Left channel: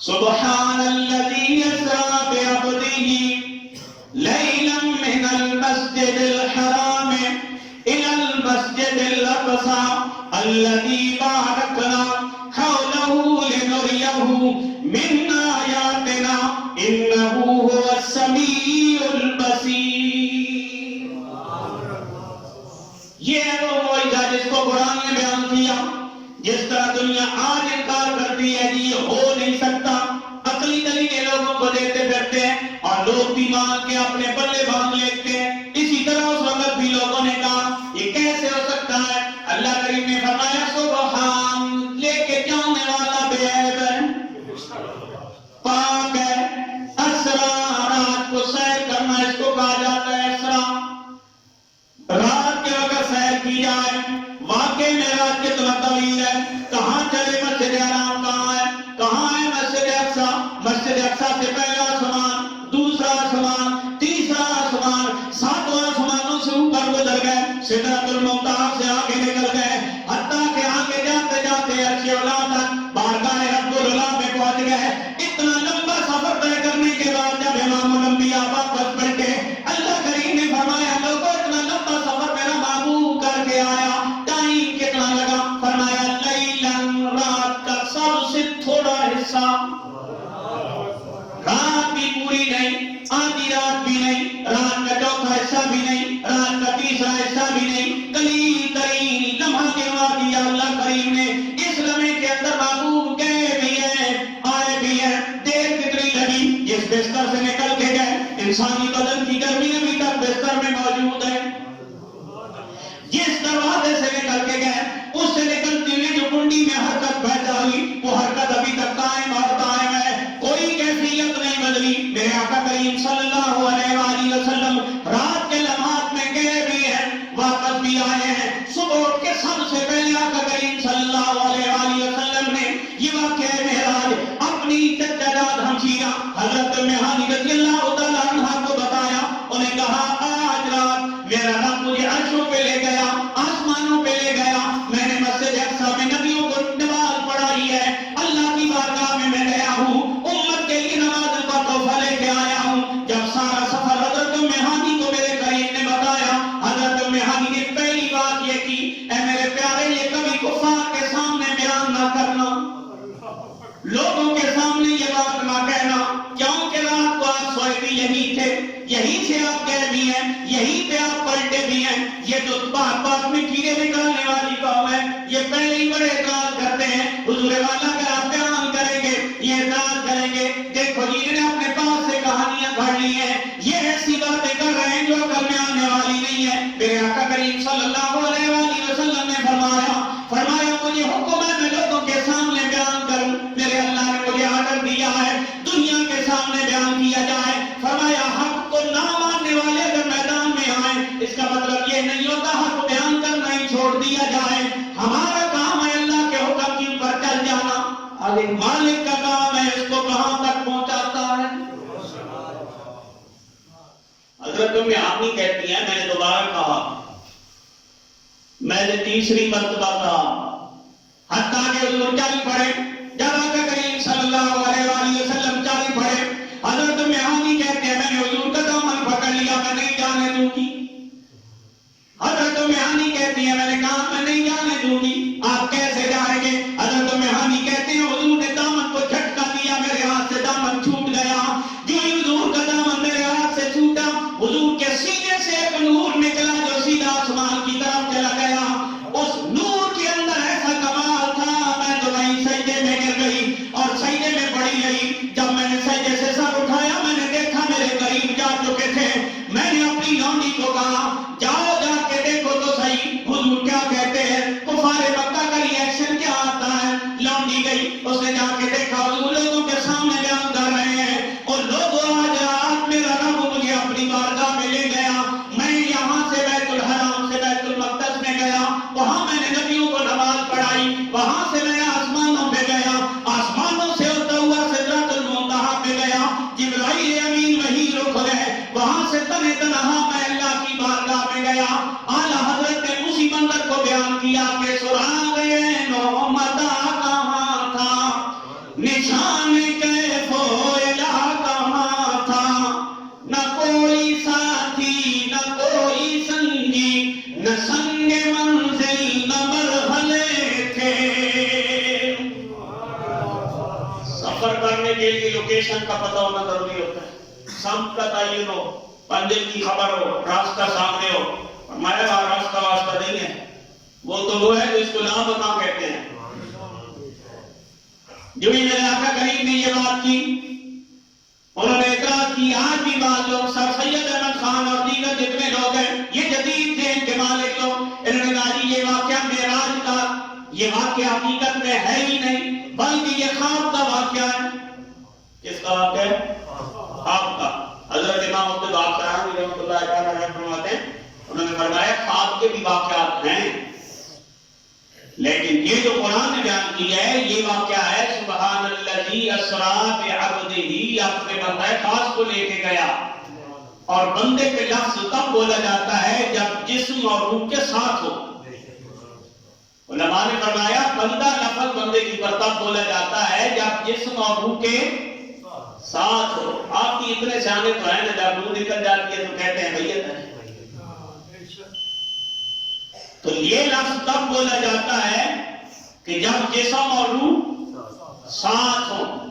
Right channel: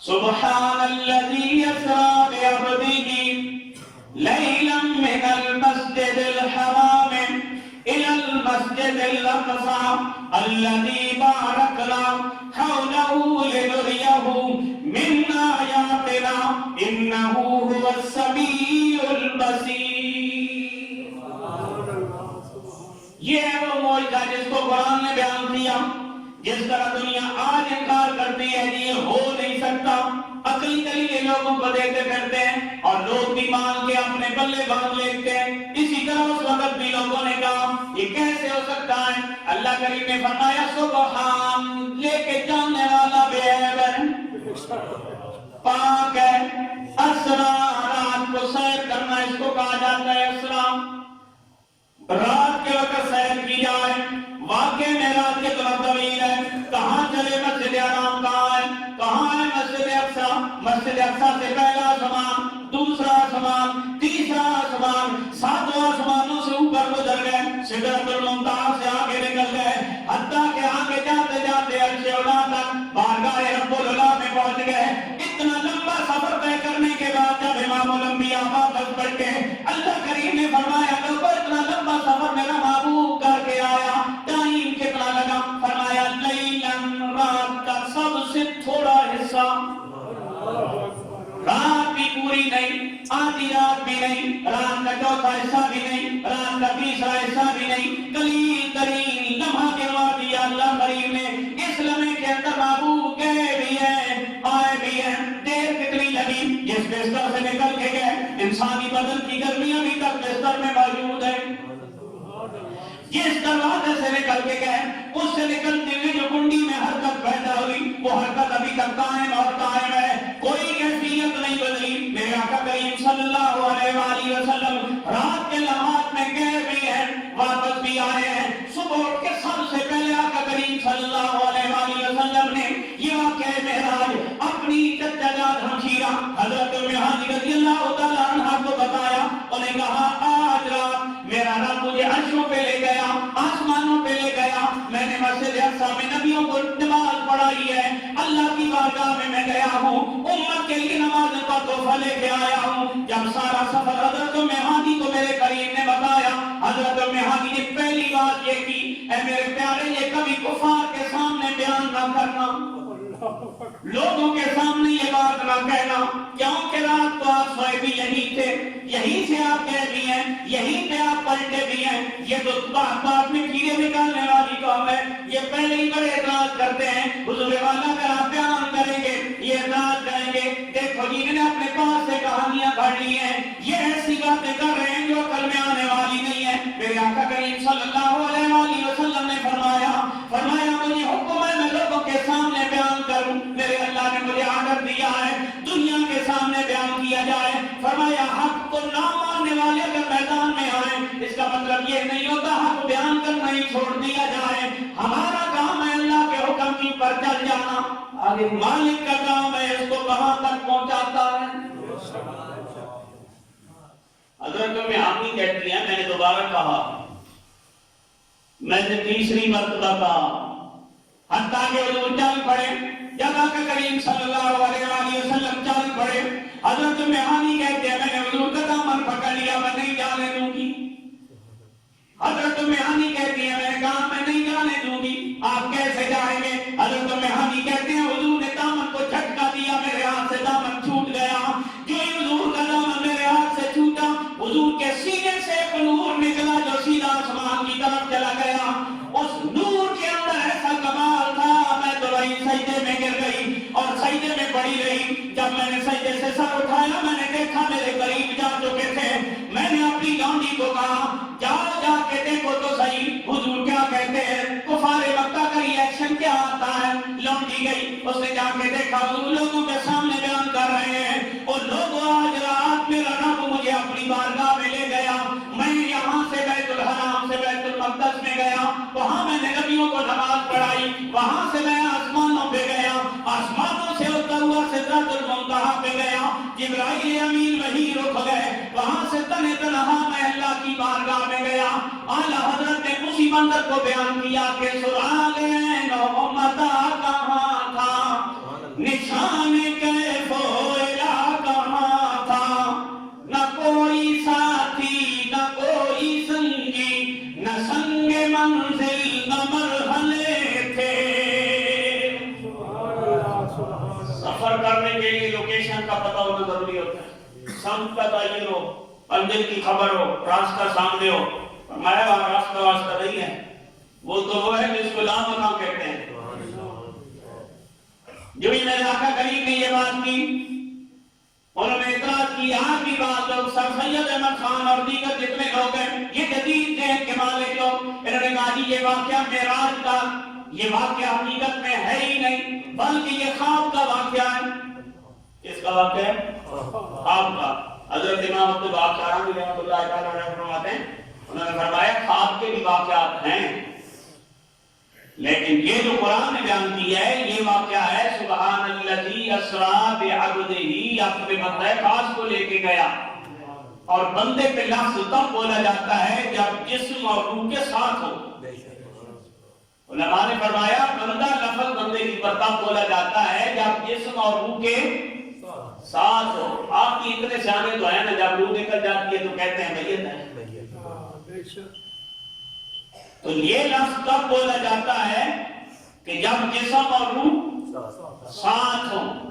سبحان الذي يسرى بعبده ليلا من المسجد الحرام إلى المسجد الأقصى الذي باركنا حوله لنريه من آياتنا إنه هو السميع البصير. یہ ہے وہ معجزہ جس کو قرآن نے بیان کیا. جس طرح دنیا آج انکار کرتی ہے کہ یہ ہو نہیں سکتا، عقلی دلیلیں لوگوں کو دیتے پھرتے ہیں اور لوگ بھی مان کے اپنے بلے باندھ لیتے ہیں، اسی طرح اس وقت بھی لوگوں نے کہا یہ کیسے ہو سکتا ہے. اللہ کریم نے فرمایا سبحان، لے کے جانے والا بے عیب ہے، پاک ہے. اسرا، رات کو سیر کرنا اس کو کہا جاتا ہے اسرا. رات کے وقت سیر کی جائے. واقعی میں رات کتنا طویل ہے. کہاں چلے؟ مسجد حرام کہاں ہے؟ کہاں ہے مسجد اقصی؟ مسجد اقصی سے پہلا آسمان، دوسرا آسمان، تیسرا آسمان، ساتواں آسمانوں سے اوپر گزر گئے، سدرۃ المنتہا سے آگے نکل گئے، حتیٰ کہ آگے جاتے جاتے عرش اولا تک بارگاہ رب العلا میں پہنچ گئے. اتنا لمبا سفر طے کرنے کے بعد جب امام الانبیاء واپس بیٹھے، اللہ کریم نے فرمایا لوگوں اتنا لمبا سفر میرا محبوب کر کے آیا، ٹائم کتنا لگا؟ فرمایا لیلن، رات کا سب سے تھوڑا حصہ. رات بھی پوری نہیں، آدھی رات بھی نہیں، رات کا چوتھا حصہ بھی نہیں، رات کا تیسرا حصہ بھی نہیں، قلیل ترین لمحہ گنوا دیا اللہ کریم نے. اس لمحے کے اندر محبوب گئے بھی ہیں، آئے بھی ہیں. دیر کتنی لگی؟ جس بستر سے نکل کے گئے، انسانی بدن کی گرمی ابھی تک بستر میں موجود ہے. جس دروازے سے نکل کے گئے، اس سے نکلتی ہوئی جو کنڈی میں حرکت پیدا ہوئی، وہ حرکت ابھی تک قائم اور قائم ہے، کوئی کیفیت نہیں بدلی. میرے آقا کریم صلی اللہ علیہ وآلہ وسلم رات کے لمحات میں گئے بھی ہیں، واپس بھی آئے ہیں. صبح اٹھ کے سب سے پہلے آقا کریم صلی اللہ علیہ وآلہ وسلم نے یہ واقعہ معراج اپنی چچا جاد ہمشیرہ حضرت ام ہانی رضی اللہ تعالیٰ عنہ کو بتایا. انہیں کہا آج رات میرا رب مجھے عرشوں پہ لے گیا، آسمانوں پہ لے گیا، میں نے مسجد اقصی میں نبیوں کو نماز پڑھائی ہے، اللہ کی بارگاہ میں گیا ہوں، امت کے لیے نماز کا تحفہ لے کے آیا ہوں. جب سارا سفر حضرت ام ہانی کو میرے کریم نے بتایا، حضرت ام ہانی نے پہلی بات یہ کی، اے میرے پیارے یہ کبھی کفار کے سامنے بیان نہ کرنا، لوگوں کے سامنے یہ بات نہ کہنا، کیونکہ رات کو آپ سوئے بھی یہی تھے، یہی سے آپ گئے بھی ہیں، یہی پہ آپ پلٹے بھی ہیں. یہ تو بات بات میں کیڑے نکالنے والی قوم ہے، یہ پہلے ہی بڑے اعتراض کرتے ہیں. حضور والا اگر آپ بیان کریں گے یہ اعتراض کریں گے، دیکھو جی انہوں نے اپنے پاس سے کہانیاں پڑھ لی ہیں، یہ ایسی باتیں کر رہے ہیں جو عقل میں آنے والی نہیں ہے. میرے آقا کریم صلی اللہ علیہ وآلہ وسلم نے فرمایا مجھے حکم ہے میں لوگوں کے سامنے بیان کروں. میرے اللہ نے مجھے آرڈر دیا ہے دنیا کے سامنے بیان کیا جائے. فرمایا حق کو نہ ماننے والے اگر میدان میں آئیں، اس کا مطلب یہ نہیں ہوتا حق بیان کرنا ہی چھوڑ دیا جائے. ہمارا کام ہے اللہ کے حکم کے اوپر چل جانا، آگے مالک کا کام ہے اس کو کہاں تک پہنچاتا ہے. حضرت ام ہانی کہتی ہیں میں نے دوبارہ کہا، میں نے تیسری مرتبہ کہا، حتیٰ کہ حضور چل پڑے. جب آقا کریم صلی اللہ علیہ وآلہ وسلم چل پڑے، حضرت ام ہانی کہتے ہیں میں نے حضور کا دامن پکڑ لیا، میں نہیں جانے دوں گی. حضرت ام ہانی کہتی ہیں میں نے کہا میں نہیں جانے دوں گی. آپ کیسے جائیں گے؟ حضرت ام ہانی کہتے ہیں حضور نے دامن کو جھٹکا دیا، میرے ہاتھ سے دامن چھوٹ گیا. جو ہی حضور کا دامن میرے ہاتھ سے چھوٹا، حضور کے سینے سے ایک نور نکلا جو سیدھا آسمان کی طرف چلا گیا. اس نور کے اندر ایسا کمال تھا، میں تو وہیں سجدے میں گر گئی اور سجدے میں پڑی رہی. جب میں نے سجدے سے سر اٹھایا میں نے دیکھا میرے قریب جا چکے تھے. میں نے اپنی لونڈی کو کہا جاؤ جا کے دیکھو تو صحیح حضور کیا کہتے ہیں، کفار مکہ کا ریئیکشن کیا آتا ہے. لونڈی گئی، اس نے جا کے دیکھا حضور لوگوں کے سامنے بیان کر رہے ہیں اور لوگوں آج رات میرا رب مجھے اپنی بارگاہ میں لے گیا. میں یہاں سے بیت الحرام سے بیت المقدس میں گیا، وہاں میں نے نبیوں کو نماز پڑھائی، وہاں سے میں آسمانوں پہ گیا، آسمانوں سے ہوتا ہوا سدرۃ المنتہا پہ گیا، جبرائیل امین وہیں رک گئے، وہاں سے تنہ تنہا میں اللہ کی بارگاہ میں گیا. اعلیٰ حضرت نے اسی منظر کو بیان کیا کہ سراغ نعمت کہاں تھا، نشان کیف و الہ کہاں تھا، نہ کوئی ساتھی نہ کوئی سنگی، نہ سنگ منزل نہ مرحلے تھے۔ سفر کرنے کے لیے لوکیشن کا پتہ ہونا ضروری ہوتا ہے، سمت کا تعین ہو، منزل کی خبر ہو، راستہ سامنے ہو۔ فرمایا وہاں راستہ واسطہ نہیں ہے، وہ تو وہ ہے جس کو لاپتہ کہتے ہیں۔ جو بھی علاقہ کریم نے یہ بات کی، انہوں نے اعتراض کی، آج بھی بات لوگ سر سید احمد خان اور دیگر جتنے لوگ ہیں، یہ جدید ذہن کے مالک لوگ، انہوں نے کہا جی یہ واقعہ معراج کا، یہ واقعہ حقیقت میں ہے ہی نہیں بلکہ یہ خواب کا واقعہ ہے۔ کس کا واقعہ ہے؟ خواب کا۔ حضرت امام عبد الباقی رحمۃ اللہ تعالیٰ عنہ فرماتے ہیں، انہوں نے فرمایا خواب کے بھی واقعات ہیں، لیکن یہ جو قرآن نے بیان کیا ہے یہ واقعہ ہے سبحان الذی اسریٰ بعبدہ، اپنے بندہ خاص کو لے کے گیا۔ اور بندے پہ لفظ تب بولا جاتا ہے جب جسم اور روح کے ساتھ ہو۔ علماء نے فرمایا بندہ لفظ بندے کی پر تب بولا جاتا ہے جب جسم اور روح کے ساتھ ہو۔ آپ کی اتنے سیانے تو ہیں نا، جب روح نکل جاتی ہے تو کہتے ہیں میت ہے۔ تو یہ لفظ تب بولا جاتا ہے کہ جب جسم اور روح ساتھ ہوں۔